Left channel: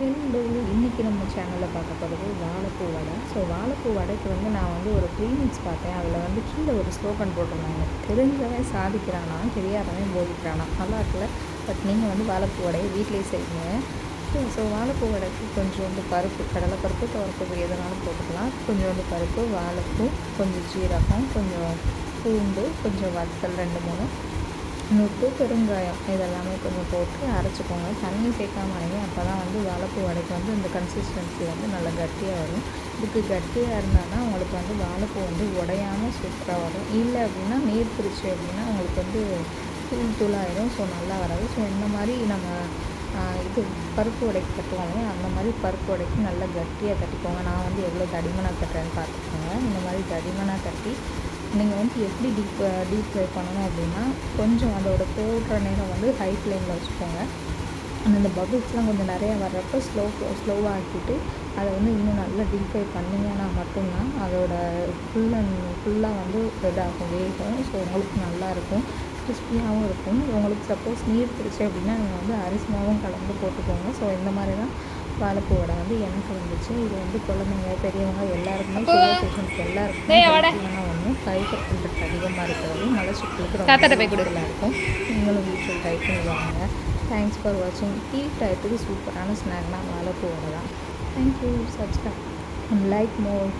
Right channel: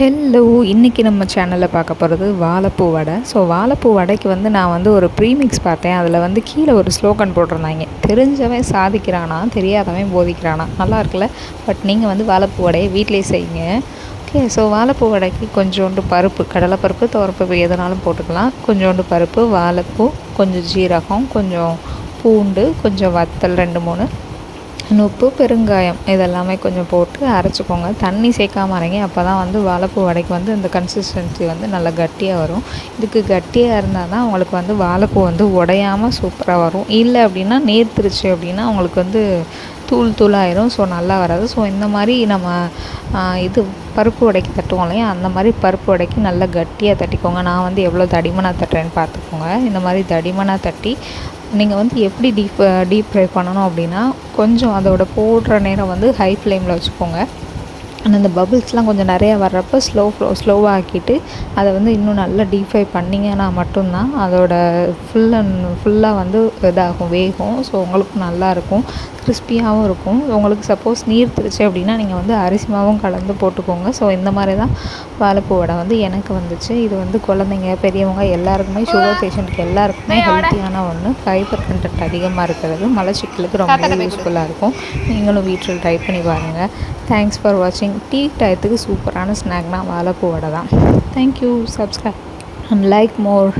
Hello, இன்றைக்கி நம்ம சேனலில் பார்க்க போகிறது வாழைப்பூ வடை. ஸோ வாழைப்பூ வடைக்கு நான் ஒரு ப்ரீமிக்ஸ் பார்த்தேன். அதில் கீழே ஒரு ஸ்லோகன் போட்டிருந்தாங்க, தெரிஞ்சவன் சாதிக்கிறானா, தெரியாதவன் போதிக்கிறானா. நல்லா இருக்குல்ல? பட் நீங்கள் வாழைப்பூ வடையை வீட்டிலே செய்யுங்க. ஓகே. ஸோ வாழைப்பூ வடைக்கு கொஞ்சோண்டு பருப்பு, கடலைப்பருப்பு, துவரப்பருப்பு எதுனாலும் போட்டுக்கலாம். கொஞ்சோண்டு பருப்பு, வாழைப்பூ, கொஞ்சம் ஜீரகம், கொஞ்சம் பூண்டு, கொஞ்சம் வத்தல் 2-3, உப்பு, பெருங்காயம் இதெல்லாமே கொஞ்சம் போட்டு அரைச்சிக்கோங்க. தண்ணி சேர்க்காம அரைங்க. அப்போ தான் வாழைப்பூ வடைக்கு இந்த கன்சிஸ்டன்சி நல்லா கட்டியாக வரும். இதுக்கு கட்டியாக இருந்தால் தான் உங்களுக்கு வாழைப்பூ உடையாமல் சூப்பராக வரும். இல்லை அப்படின்னா நேர்த்திருச்சு அப்படின்னா உங்களுக்கு தூள் தூளாயிரும். ஸோ நல்லா வராது. ஸோ இந்த மாதிரி நம்ம இது பருப்பு வடைக்கு தட்டுவோம் இல்லையா, அந்த மாதிரி பருப்பு வடைக்கு நல்லா கட்டியாக தட்டிக்கோங்க. நான் எவ்வளோ தடிமனாக தட்டுறேன்னு பார்த்துக்கோங்க. இந்த மாதிரி தடிமனாக தட்டி நீங்கள் எப்படி டீப் ஃப்ரை பண்ணணும் அப்படின்னா, கொஞ்சம் அதோட போடுற நேரம் ஹை ஃப்ளேமில் வச்சுக்கோங்க. ஆனால் இந்த பபிள்ஸ்லாம் கொஞ்சம் நிறையா வர்றப்போ ஸ்லோவாக ஆக்கிட்டு அதை இன்னும் நல்லா டீப் ஃப்ரை பண்ணிங்கன்னா மட்டும்தான் அதோட ஃபுல்லாக இதாகும், வேகும். ஸோ உங்களுக்கு நல்லாயிருக்கும், கிறிஸ்பியாகவும் இருக்கும். உங்களுக்கு சப்போஸ் நீர்த்துருச்சு அப்படின்னா நீங்கள் அரிசி மாவும் கலந்து போட்டுக்கோங்க. ஸோ இந்த மாதிரி தான் வாழைப்பூ வடை எனக்கு வந்துச்சு. இது குழந்தைங்க, பெரியவங்க எல்லாருக்குமே, சுகர் பேஷண்ட்டுக்கு எல்லாருக்குமே ஹெல்த்தியான ஒன்று. ஃபைபர் கண்டென்ட் அதிகமாக இருக்கிறது மலச்சிக்கலுக்கு ரொம்ப யூஸ்ஃபுல்லாக இருக்கும். நீங்களும் வீட்டில் ட்ரை பண்ணி பாருங்கள். தேங்க்ஸ் ஃபார் வாட்சிங். டீ டயத்துக்கு சூப்பரான ஸ்நாக்னால் வாழைப்பூ வடை தான். Thank you. Subscribe and like more.